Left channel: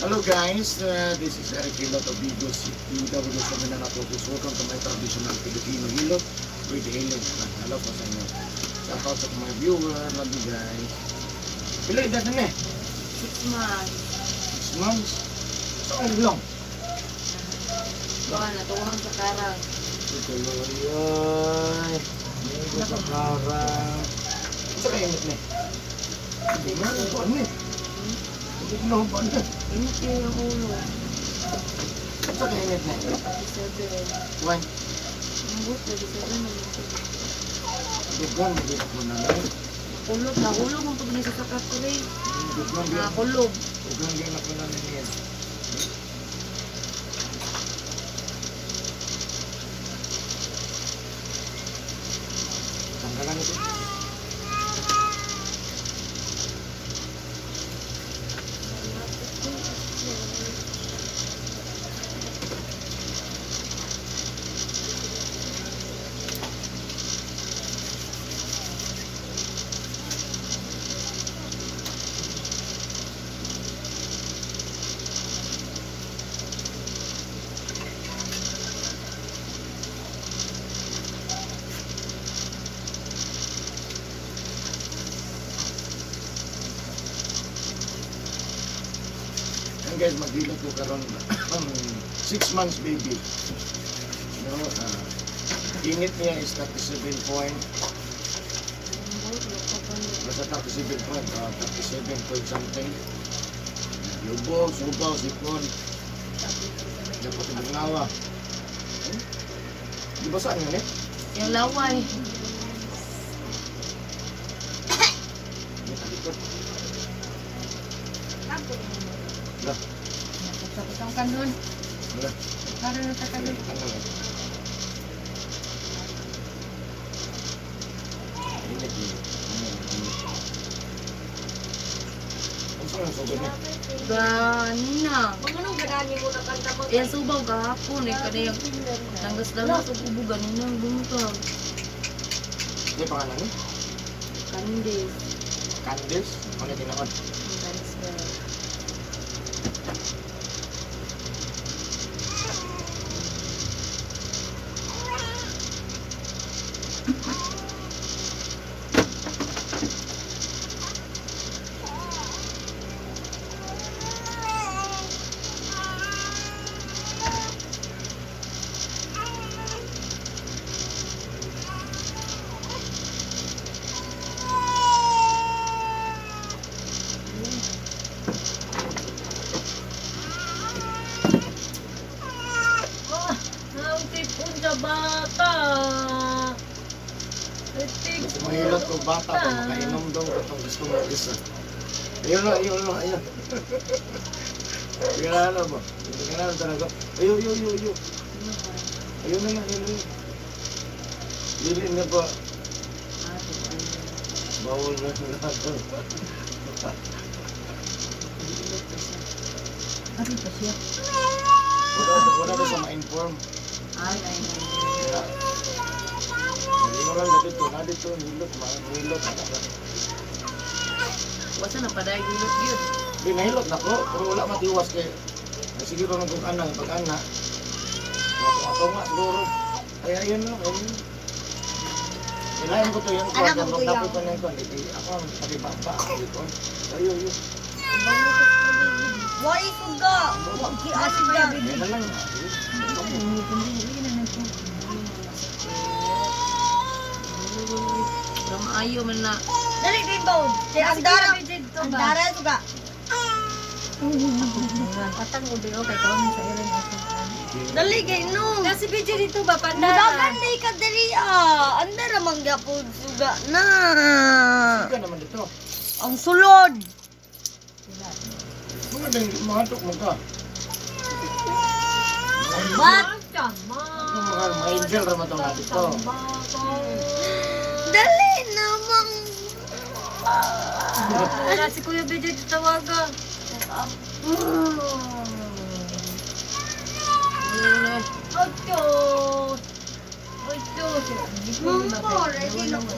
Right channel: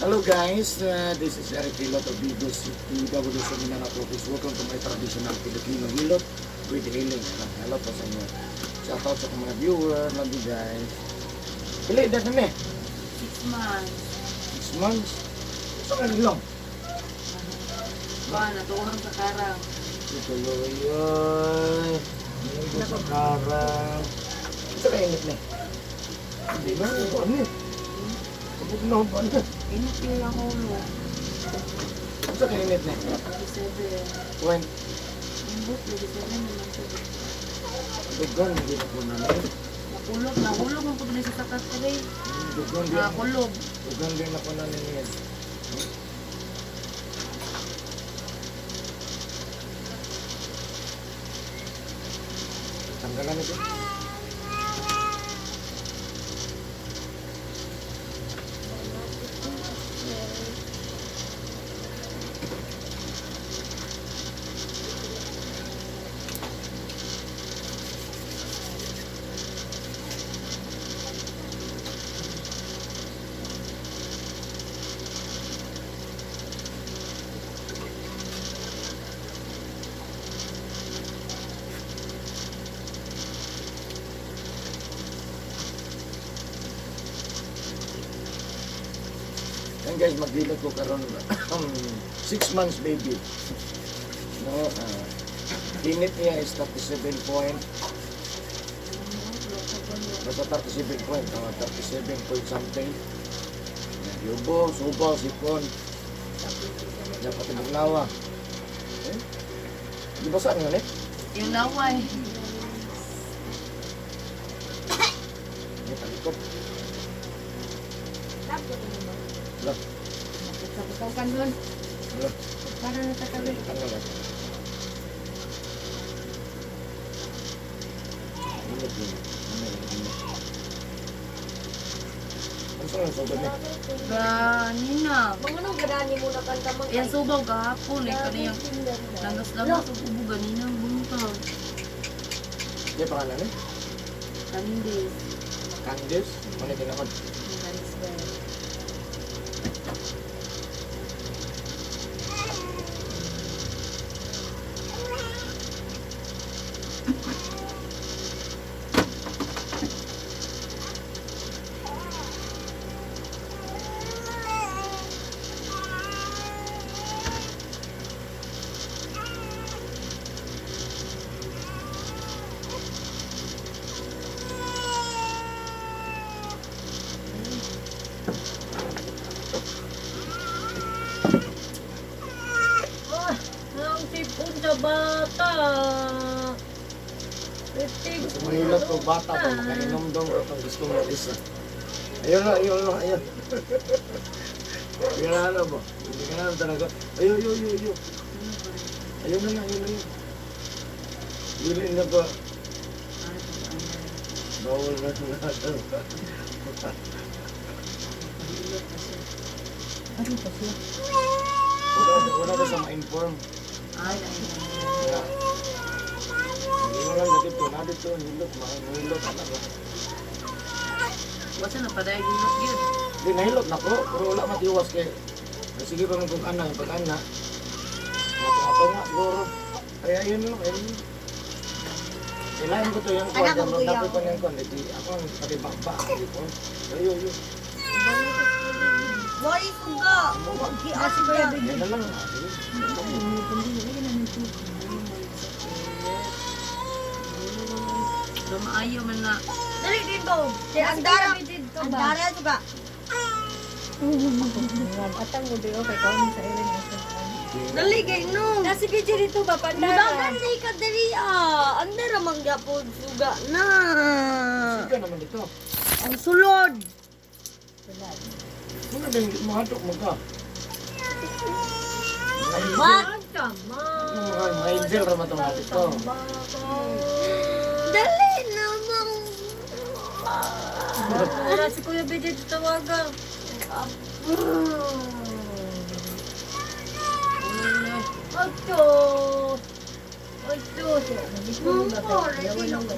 Hello guys, this is Eric Hilot of Bigos PW sa Mindanao Focus. Welcome to my traditional Filipino Hilot with Helen. Hello po sa inyo. Shout out sa mga viewer. Love you guys. Pila edad na 6 months. 6 months? Saan lang? Kuha na, tuwang sa karang. Ito loyoy. Ito sa karang. Ito ka init na hindi nga, ito ano Pagod na ba na? Init yung ang ulo. Ito ka init na 37. When? Ang gusto, 37 naman ito. Dugan, magiging ako na lang. Nakulog, nahulog ang pag nasa sakatri. Dugan din. Nakulog. Dugan din ako na niya. Tanggalan ito. Yan guys, maghilot ko karon 6 months baby. No, init niya is 37 point. Basta 37 point, 37 point something. Yubo, subaw, sipon. Dapat ibang nawa. Di ba saan yun eh? Yung laway. May talikod. Lah, Sakitaw ka nun. lah. Para na sa kalit. Ano na? Init yun. Ano yun? Init. Ano saan ang sugod niya? Ganina. Mga nung ganani mo na kanta mo. Yan subaw kahapon eh. Kaniyang langgas lang sa ubo. Ganina ang bungkaw. May pangalan niya? Candice. Candice? Ano yung tinakot? Candice Bell. Ang tipon sa bata. Gusto mahilot ko bata pa makainom doon ko itong gusto mo isa. Ayun na, ayun na, ayun. Hindi ka na alam mo. Hindi ka na alam talaga. Ayun, ayun, ayun, ayun. Ayun na lang, ayun na lang. Dili na ba? Bawal na sa lahat. Wala na sa ma-inform. Ay. Kaya, hindi mo lang dito, na dito, hilot, mahilot, anak na. Wasa na paday gilot yun. Hindi, nahilot na ko, pero wala matiwas kay, ay sige pa kung ano, yung pag-ana. Ato nga siguro. Ay, ayun no, ayun. Ilayin ko to yun ko, Anak kaya mo, magdapit kuya. pa niyan ko, hindi ako ang patibamba ang likon. Ayun, ayun. Why suga? Asi ba yung Yan na lang. Ayaw man na. Dali din ba? Ang dara. Ang dara suga. Atang mo din okay ko sa ilan Dali kay no. Kasi video dito ba pandara? Mudagan di ka dali ah. Ang dara manggapod suga na. Sige naman dito. Ang sulod. Mga din, mahatok mo ka. Mat. Mga angel raman itong natin to. Dali namang. Wala si Kuya Bidyo tawaga. Ocho. Ocho. Ready lang ko.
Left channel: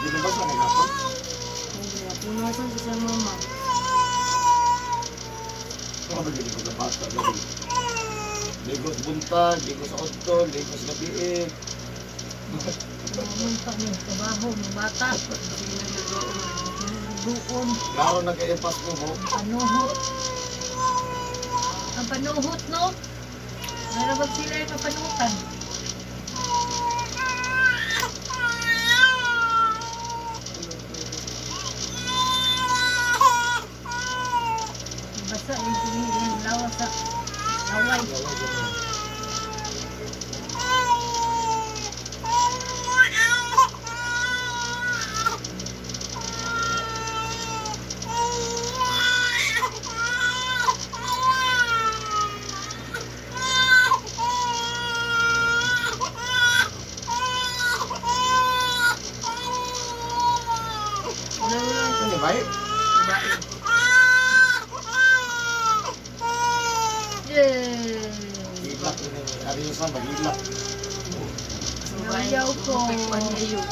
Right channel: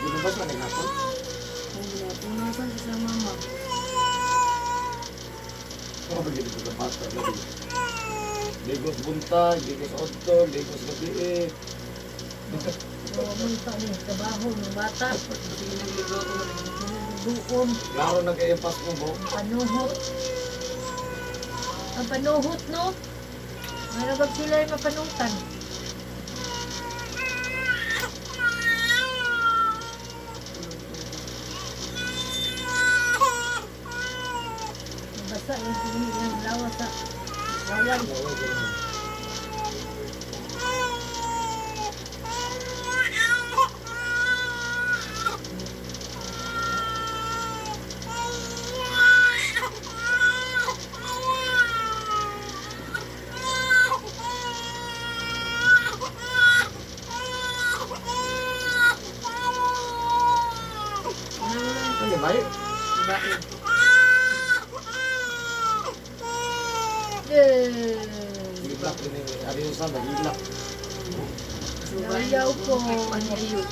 Di ba ba sa hapon? Punasan sa mama. begini sa bata lagi. Ligo sa buntag, ligo sa otto, ligo sa gabi eh. Huwag pa rin, trabaho ng bata. Buon, Klaro nag-i-impas mo mo. panuhot. Ang panuhot, no? Narabag sila yung mapanutan. Basta yung pinili ng lawa sa laway. Ano yung baik? Bae. Iblak ini. Ada yung sama, iblak. Ayaw ko. Ayaw.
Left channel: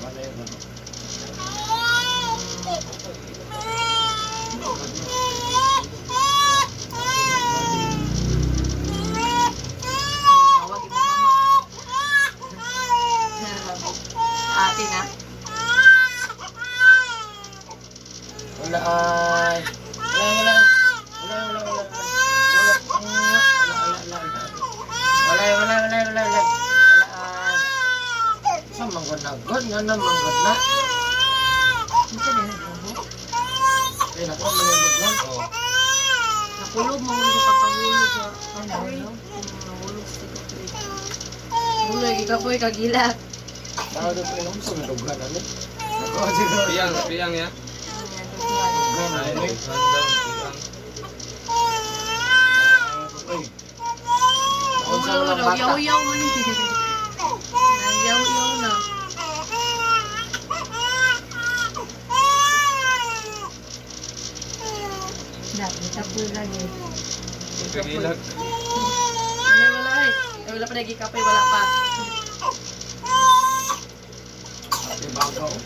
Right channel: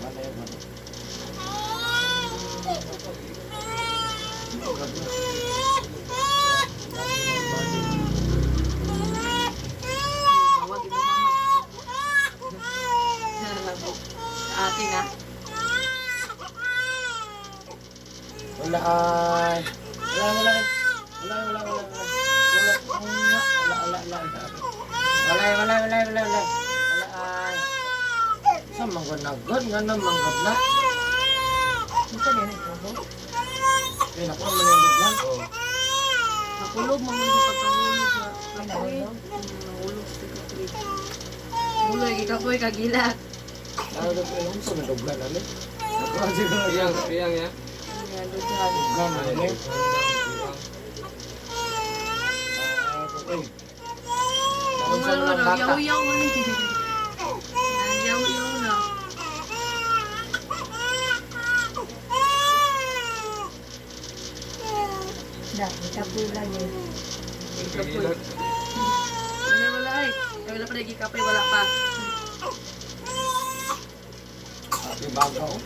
Mana yang mana? Tawag mo mama. Ate na. Wala ay. Wala. Sa manggod na god, nga na manggod na. Isa din ang kabo. Eh, nakuha mo yung godlan. Nakulog mo sa pagkahulog sa kapoy. Ano? Nahulog sa kapoy. Hulog, ikapoy, kagilat. Bago po yung umso, may godlan na rin. Nakuha siguro. Piyang ya. Ayan, doon sa Godlan na rin. Okay. Naunsa mo ng bata. Yaw-yaw mo ni. Yaw-yaw na. Dati kapulan eh. Kagilag. Wala ay. Wala pa lagi kapoy, wala pa. Ate baga o.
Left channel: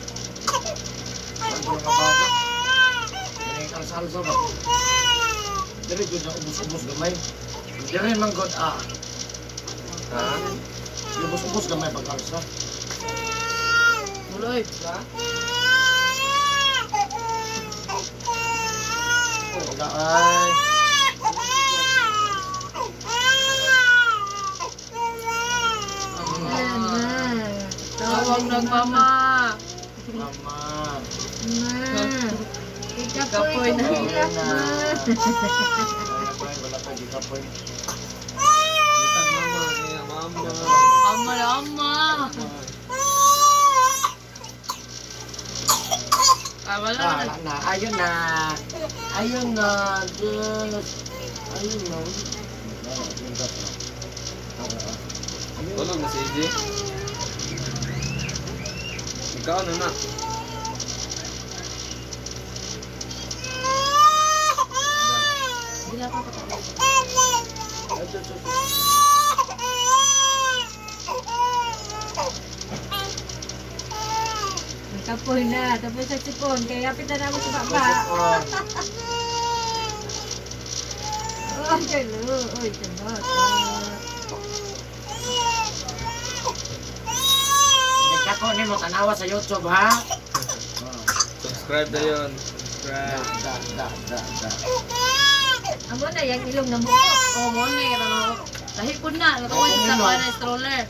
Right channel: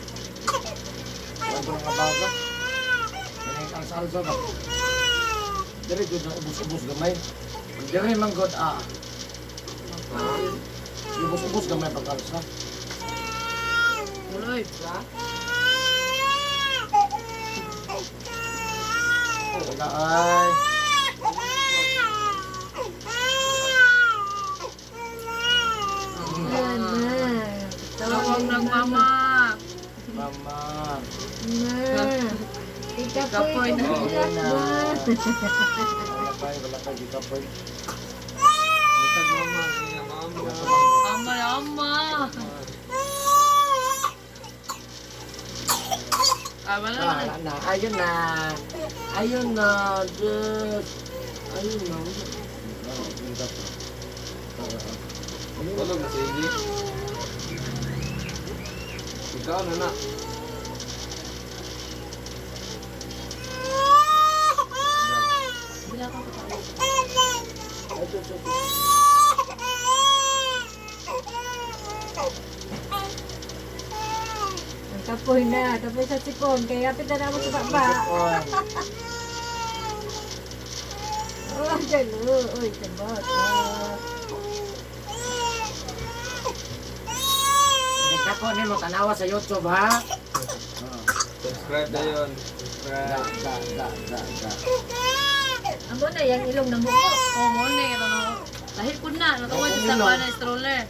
Wala ko nga baga. Kaya yung kalsalsa ba? Dire jud na ubos-ubos gamay. Dire manggod ubos-ubos gamay pagkalsa. Muloy. Wala ay. Ayan na. Tawag ng mama. Mama. Na. Ikapoy na. Hirap ba? Wala pa gikapoy. Litag mama. Iya, mama. Ama na ama. Wala na. Wala na. Ayun na. Ayun na. Just. Ayun na. Tulog na si AJ. Ikaw ano na? Bila ka patawag. May kapoy na. Tapos sa sipon. Kaya kapit na naman sa baba. Oh, galo. Oy, sabot. Nagkako ni mo tanawa sa YouTube ha. Subscribe na yun. Da Subscribe. da. Amo na yung ilong na buko. Oo, mo na. Lahi po na. Nakawad sa tapa na stroller.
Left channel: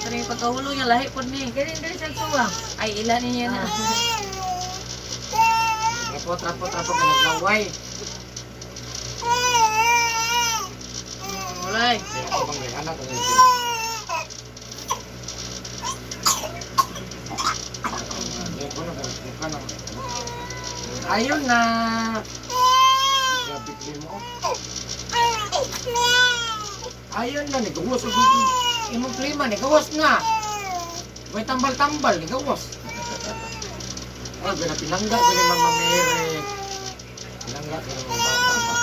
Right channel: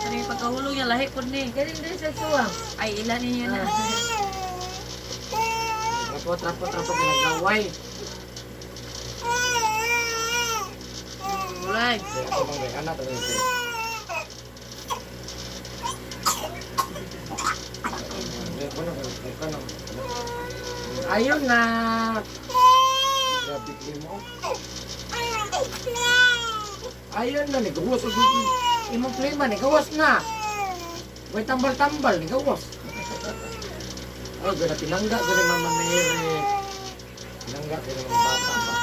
Ito na yung pagkahulog niya. Lahi po ni. Galing din sa suwang. Ay, ilan niya na. Trapo ka naglaway. Mulay. Kaya ako bang may anak ano ito? Ayun na. Grabe mo. Ayun na, nagawas. Imong klima, nagawas na. May tambal-tambal, nagawas. Ano, pinangga ko ni Mama Mary. Pinangga ko ni mga bata pa.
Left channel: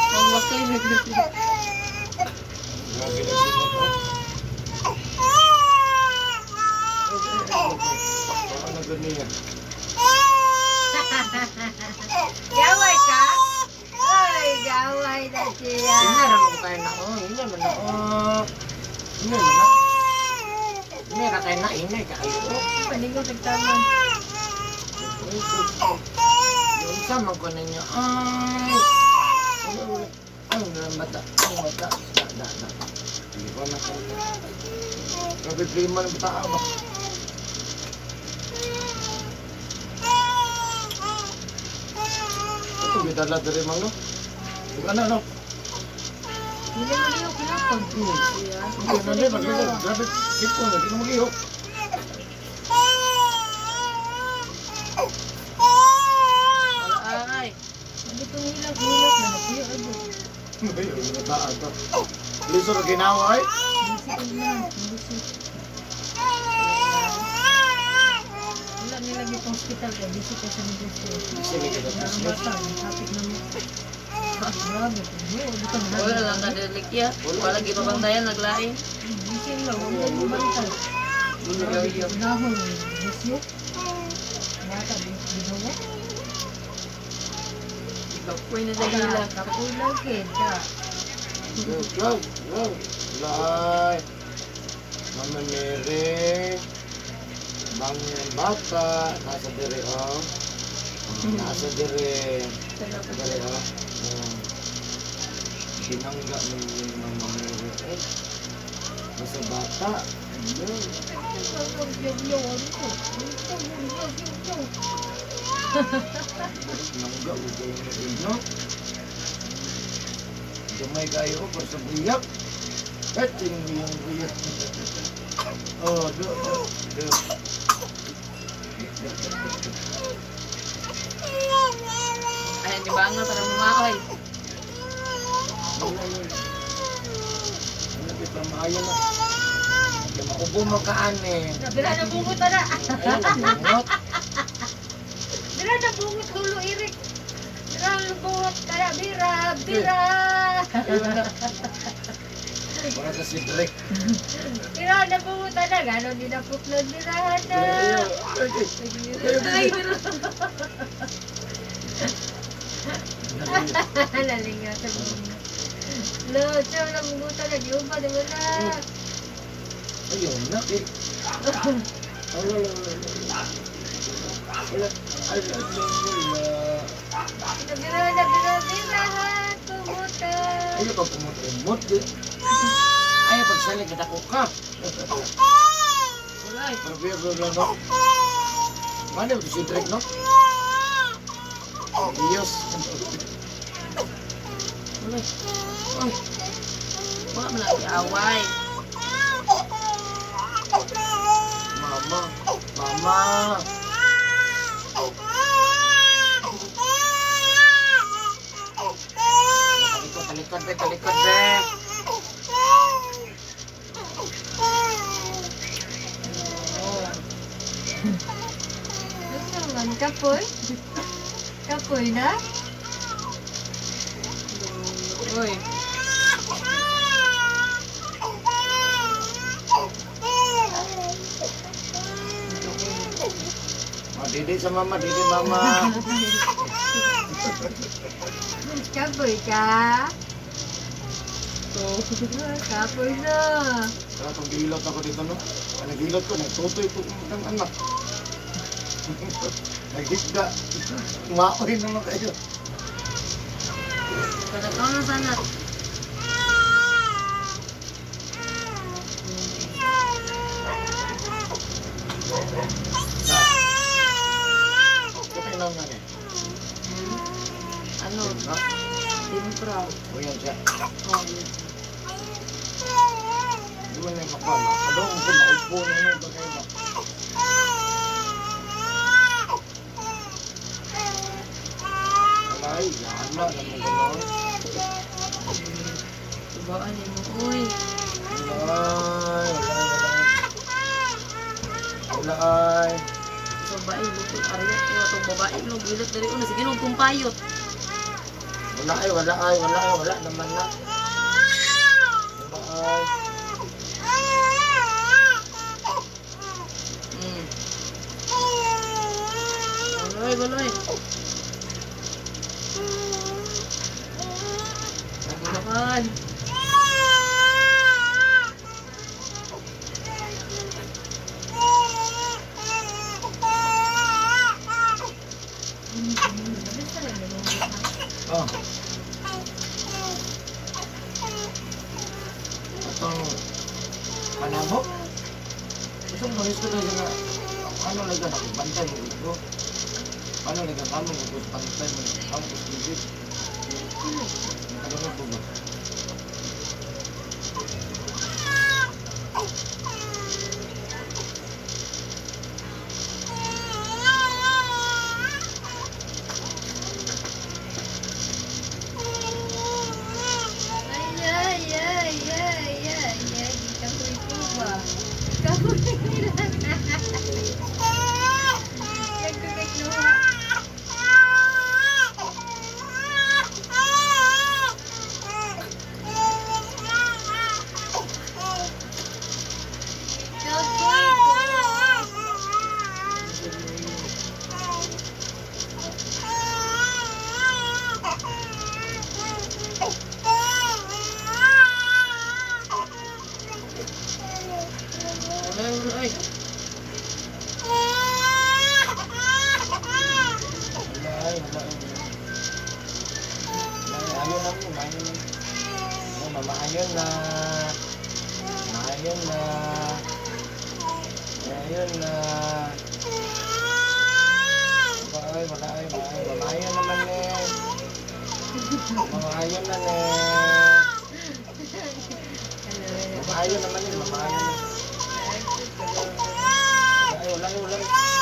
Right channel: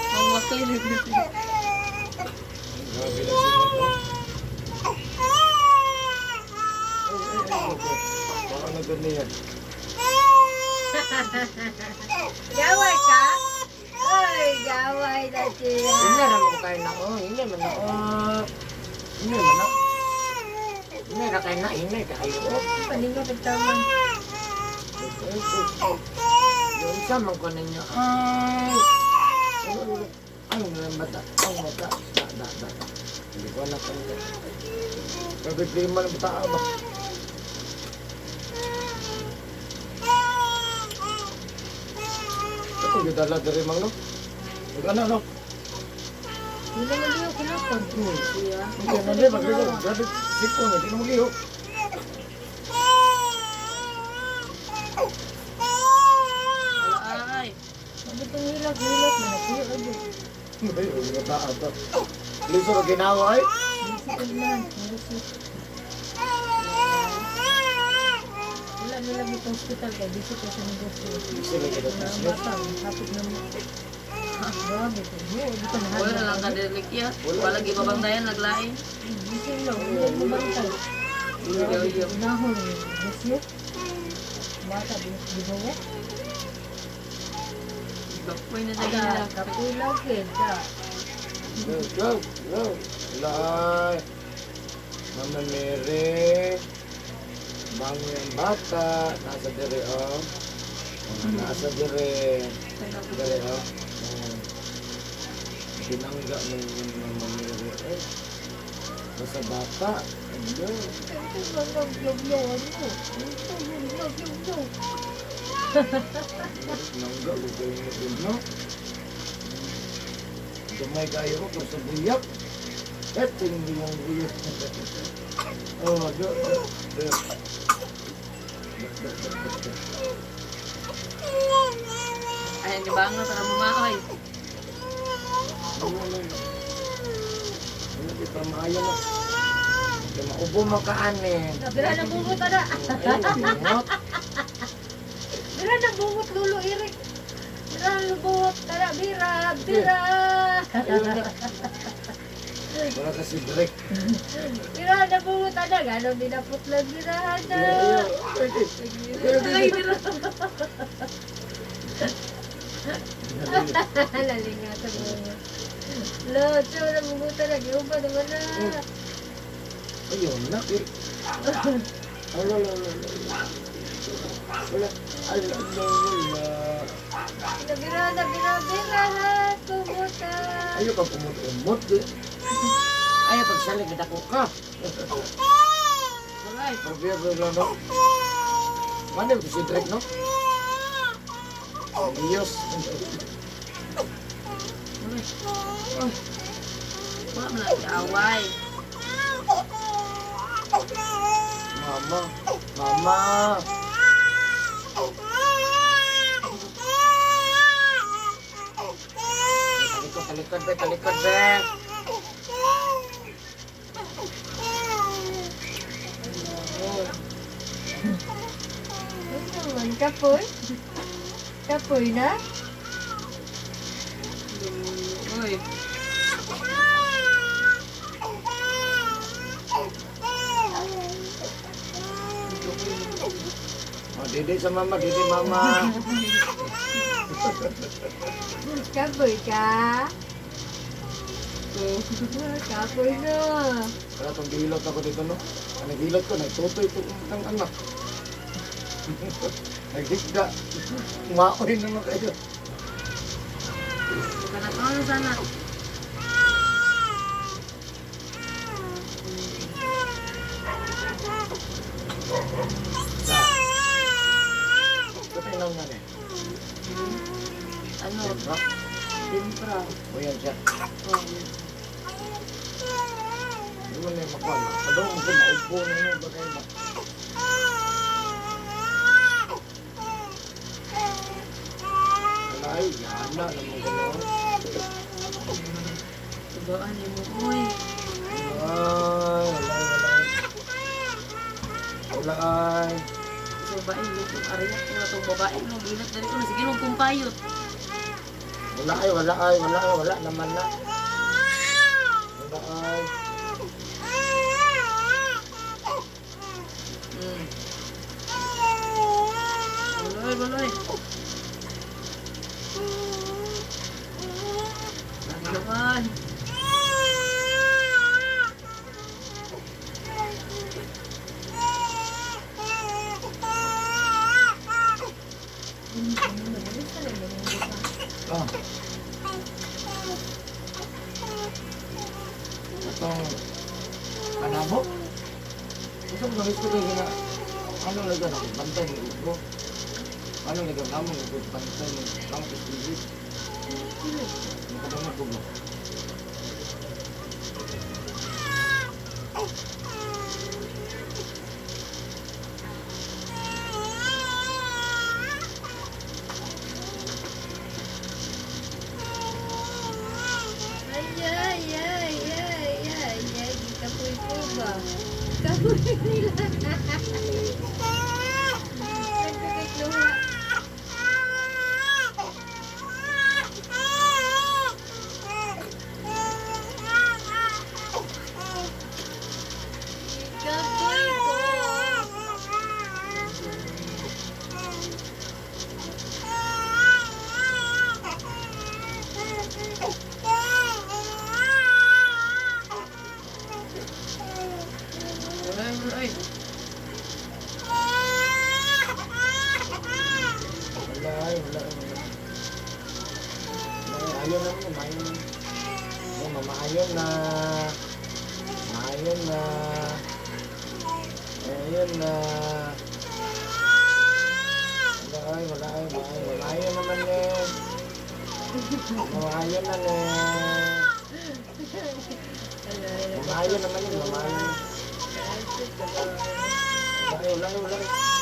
Ang wasoy na dito. Grabe na sila to. Baka na ganyan. Gaway ka? Ay, gaway na siya. Hindi na mo kayo na, oh, hindi man na, oh. Hindi man na. Hindi na kayo na, hindi kayo, oh. Paningo tagtaman. Yung isa man ko ninyo, ay. Ay, mata, ang mata. Da. Hindi ko na kayo. Sabi, prima ng bata ba? Ito, gitala dari mang no? Gana no? Hindi na niyo kinapon. Siya. Hindi na din, magligaw. Grabe, sipon, hindi na mag-iyo. Ay. Hindi ko hilag na napiyo ado. Ay, ang bataan to. Liso na ginawa ay. Bisikid na. Bisikid. Wala nila dito hospital kaya bisikid sa negosyo. Sige, kita Ang bata, kapit na mo. Grabe ko. Hindi ko mahal. Wala lang kadilik ya. Wala lagi pabantayan naglain. Bisikid lang. Hindi mo bantay. Nahol. Bisikid. Nata, binuwa. Bakoy na sa gila. Kapula kita. Go. Lai. Mama Mary. Bang yung bata. Nasa dire, oh. Nasa dire. Dire, oh. Binangga ng yung Mama Mary. Eh. Nasa bata. Ano? Nangga, ugay mo yun, no? Gamay kayo ko sa buyak. Eh, tingin mo yung buyak. Oh, do. Ayan di bangal para mumaoy. Ano kita maayo na? Kaya maubo mo ka, ane. Bira na bungot na. Ayun, nabungot. Bira na bungot gulo irik. Bira na bungot. Tara, bira. Ayun na. Para ka si Drake. Bira na bungot na. Ganon din ang putlan. Bira na. Ayun. Ay, bira. Lalingatan mo nga. Lo, tiyo na bungot na. Giupa naman na. Ayun na. Wala. Ay, Bira na. Tumuta. ayaw ka pumut-umot. Ayaw pagsaling kita ko ka. Wala eh. Pero biya ko lang, no? Mana ito si Drake, no? Diyos. Wala eh. Wala man lang away. Mama. Talikod, be. Ano naman, kapoy? Kapoy na? Uy. Didi sa mama, didi mama. Kapoy ka? Kapoy na. Kaya itong gilot ako dito, no? Ang nagilot ko, nagtutoy po ng anak. Naghisga. Maoy naman kayo. Kadakaw na sana. Ito lang nga eh. Ano? Ha? Timpra. O yan siya. Oh. Hindi mo na yung kapal. Kadong ko, maupo na yun. Bagay ba? Alay, yana naman gano'n. Tugaan niyo mo. Uy. Alay. Alay. Itong babae, lupot ariyak ko na itong babae. Nung gilat dari ko na. Sige nung kumpayot. Wala naman na. Wala. Waloy. Oh. Atong panabo. Gusto mo gusto ko nga ano lagi ako bantay ng ko. Ano lagi kamo ko bantay ng campus visit. Nakadungog ko ba? Ay, Wala. Ayaw na mo, maayon na. Oh, mamaayon na. Maayon na. Maayon na. Wala ay. Mamaayon naman eh. Mamaayon na ne. Mamaayon naman eh, mamaayon na. Wala.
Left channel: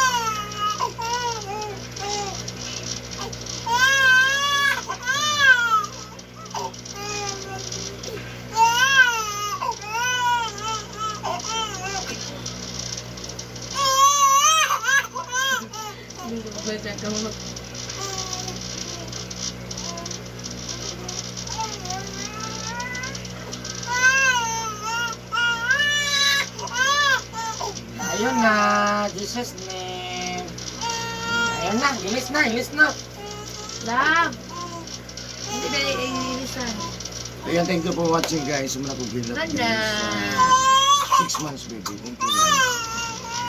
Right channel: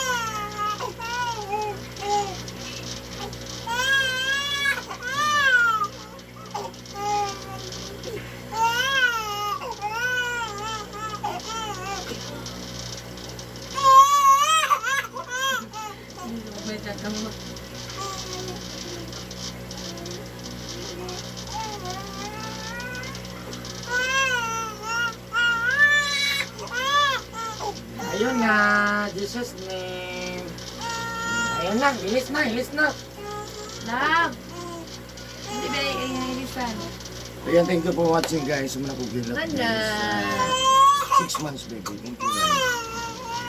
hindi ko magbaca ka mo. Ayun na, Jesus name. Ayun na, ilis na. Love! Hindi ba yung ilisan? Ayan, thank you for watching guys. Sumuna ko bilap Ganda! guys. 6 months baby. Thank you guys.